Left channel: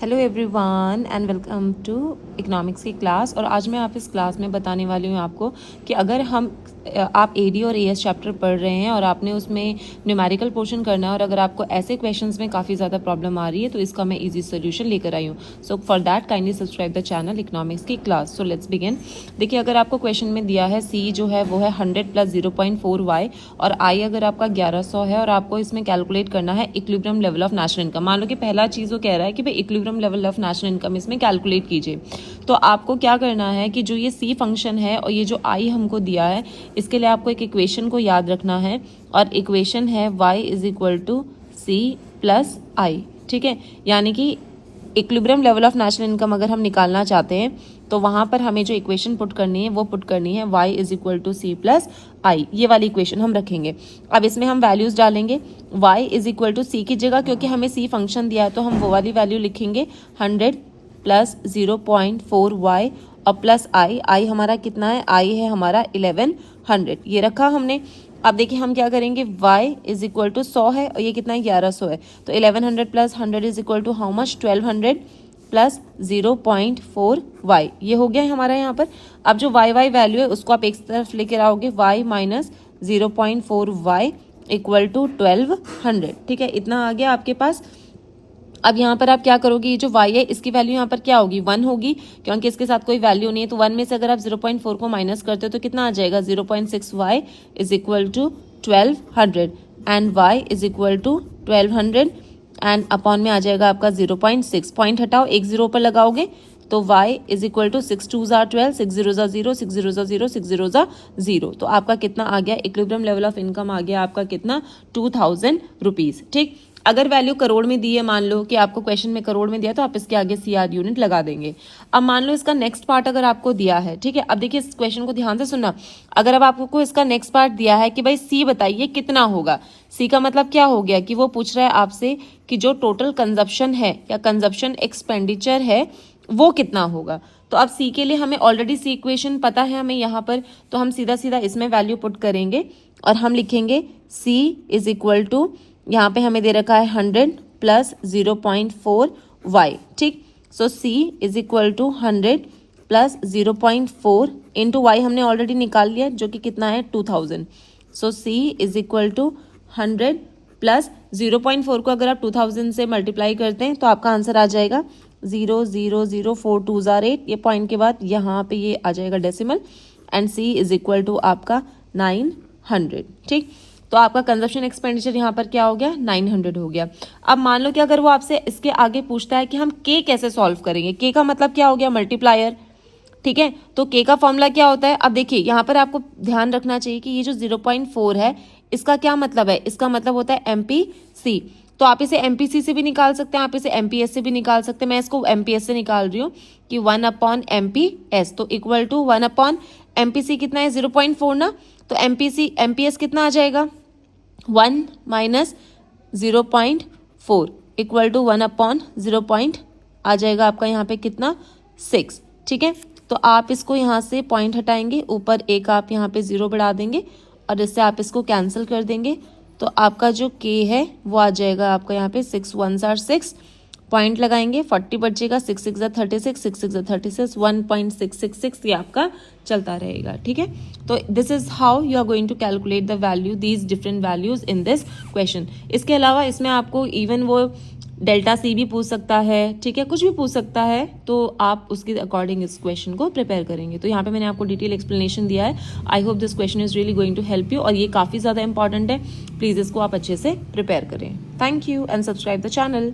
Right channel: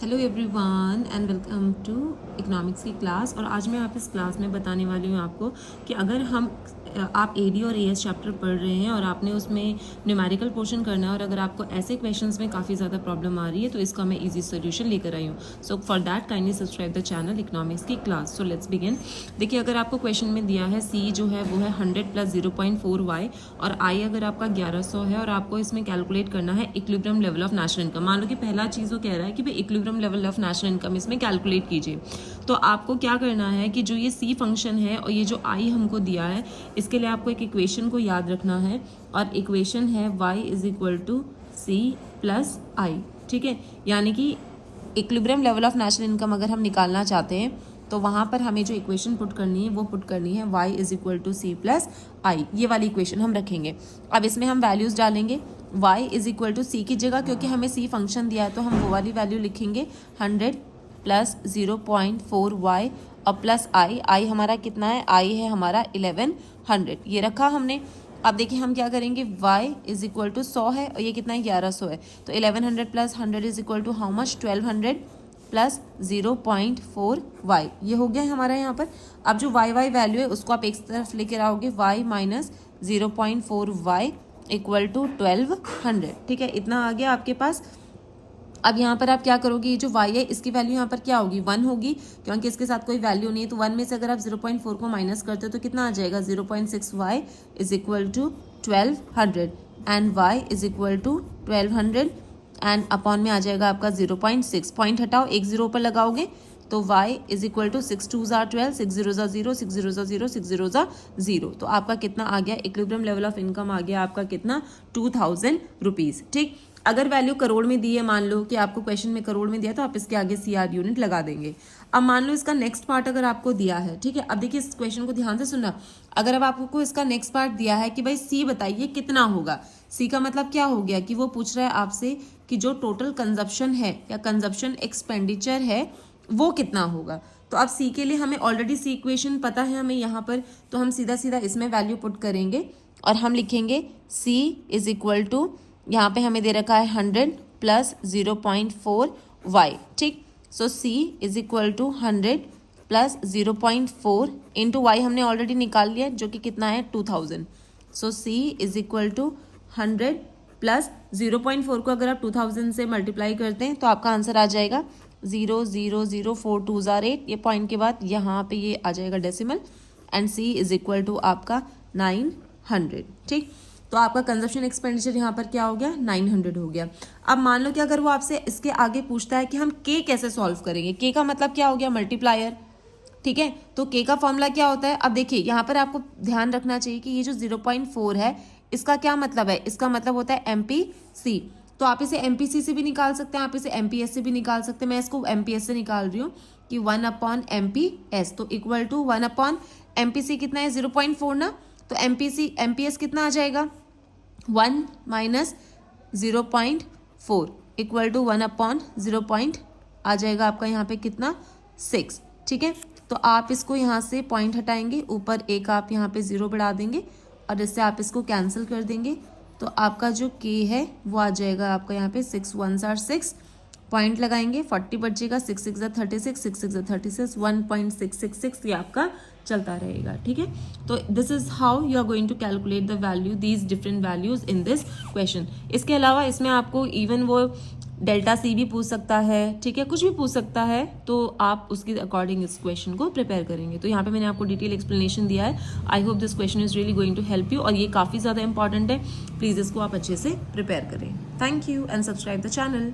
Hello everyone and welcome to economics की class. और आज मैं आप इस क्लास में बताने वाली हूँ आपको कि अगर आप एडी और एएस चैप्टर पढ़ रहे हैं और आपने उसमें न्यूमेरिकल पोर्शन करना है और अगर आपको ऐसे क्वेश्चंस में काफ़ी ज़्यादा प्रॉब्लम आ रही है तो इसका मैं इजी सोल्यूशन लेकर आई हूँ। So for that kindly subscribe the channel economics की क्लास। So let's begin. देखिए, अगर आपको क्वेश्चन में दिया है सी जो है वो है 100 + 0.4 y और आई अगर आपका 1100 है और आपको इसमें कैलकुलेट करना है equilibrium level of national income. मान लो कि पहला चीज़ वो कह रहा है कि भाई equilibrium level of national income इसमें कैलकुलेट कीजिए। तो आपको क्या करना है कि जो ये सी फंक्शन है और ये जो आई हमको दिया है इसके लिए आपको एक इक्वेशन को याद रखना है और इक्वेशन है y = c + i। ठीक है, यानी कि equilibrium level of national income अगर हम निकालना चाहते हैं तो वहाँ पर हमें जो इक्वेशन पुट करनी है वो पुट करनी है y = c + i। ये वाली इक्वेशन हम रखेंगे। अब इसमें हम वैल्यूज़ डालेंगे y = c की जगह, क्योंकि हमें c फंक्शन दिया है तो हम वो वाली वैल्यू लिखेंगे 100 + 0.4 y और प्लस i हमारा कितना है, i है हमारा 1100। ये रखा हमने। अब देखिए हम क्या करेंगे, y = 100 है और ये कितना है, 1100 है। तो 1100 + 100 = हाउ मच, 1200 + 0.4 y। ये हो गया है हमारा यहाँ पर। अब जो y वैल्यू है उसको आप एक तरफ लेकर आओगे, y - 0.4 y = 1200। ठीक है, इतना आ गया आपके पास। अब यहाँ पर आप क्या करोगे, ये जो y है इसकी वैल्यू यहाँ पर क्या होगी, 1 होगी, क्योंकि इसके साथ कोई वैल्यू नहीं है। तो 1 में से अगर आप 0.4 को माइनस करते हो तो कितना आ जाएगा, 0.6 y = 1200 and y = 1200 and upon में आ जाएगा आपका 0.6। पॉइंट हटाओ, एक जीरो पर लगाओगे तो y = 6 2 = 12, 6 0 = 0, 6 0 = 0, 6 0 = 0। तो आपका कितना आ गया, इक्विलिब्रियम लेवल ऑफ इनकम आ गया आपका कितना, 2000 रुपीज़। ठीक, अगर वैल्यू करोड़ में दी है, मान लो कि आपको क्वेश्चन में करोड़ में दिया तो आप इसके आगे CR यूनिट लगा देंगे। अब मान लो इसका नेक्स्ट पार्ट अगर आपको दिया है, ठीक है, अब देखिए इस क्वेश्चन को ध्यान से सुनना। अगर अब आपको इसका नेक्स्ट पार्ट दिया है कि भाई सी बताइए कितना होगा, सी का मतलब क्या हो गया कि वो पूछ रहा है आपसे कि जो टोटल कंजप्शन है या कंजप्शन एक्सपेंडिचर है वो कितना होगा। तो अब सी के लिए हमें ऑलरेडी सी इक्वेशन पता है हमें यहाँ पर, तो हम सीधा सीधा इसमें वैल्यू पुट करेंगे और हम लिखेंगे सी = यहाँ पे हमें दे रखा है 100 + 0.4 y। ठीक, सो c = 100 + 0.4 इंटू y हमने ऑलरेडी निकाल लिया जो कि कितना है, 2000। सो c = 100 + 0.4 को अगर आप 2000 से मल्टीप्लाई करते हैं तो आपका आंसर आ जाएगा 0.00428। ये पॉइंट के बाद यहाँ पे ये आ जाएगा डेसिमल एंड c = आपका 900। ठीक, तो आपका कंजप्शन एक्सपेंडिचर यहाँ पर क्या हो गया, 900 हो गया। अब मान लो कि अगर वो आपसे इसके आगे पूछता है कि हम k कैसे सॉल्व करेंगे, k का मतलब क्या हो गया, मल्टीप्लायर। ठीक है, तो k का फॉर्मूला क्या होता है। अब देखिए यहाँ पर आपको ध्यान रखना चाहिए कि ये जो 0.4 है इसका क्या मतलब है, इसका मतलब होता है MPC। तो आप इसे MPC से भी निकाल सकते हैं, आप इसे MPS से भी निकाल सकते हैं। मैं इसको MPS से निकाल रही हूँ कि 1/MPS, तो इक्वल टू 1/MPC कितना है, 0.4 ना। तो MPS कितना आ जाएगा, 1 - 0.4 = 1/0. आ जाएगा आपका यहाँ पे कितना, 6। ठीक है, तो आप इसको यहाँ से पॉइंट हटाएंगे, ऊपर एक आप यहाँ पे 0 बढ़ा देंगे और इससे आप इसको कैंसिल कर देंगे। तो आपका जो k है वो आ जाएगा आपका यहाँ पे 6 1s are 6, पॉइंट लगाएंगे, 40 बचेगा, 6 6 = 36, 6 6 = 36, 1.666 ये आपका चलता रहेगा। ठीक है, तो this is how you are going to calculate the value, these different values in this question. इसके अलावा इसमें आपको इवन वो डेल्टा सी भी पूछ सकता है, ठीक है, कुछ भी पूछ सकता है, तो आप उसके अकॉर्डिंग इस क्वेश्चन को प्रिपेयर करेंगे। तो यहाँ पे मैंने आपको डिटेल एक्सप्लेनेशन दिया है। I hope this question is really going to help you और ये काफ़ी ज़्यादा इंपॉर्टेंट है। प्लीज़ इसको आप अच्छे से प्रिपेयर करें। Thank you and subscribe the channel.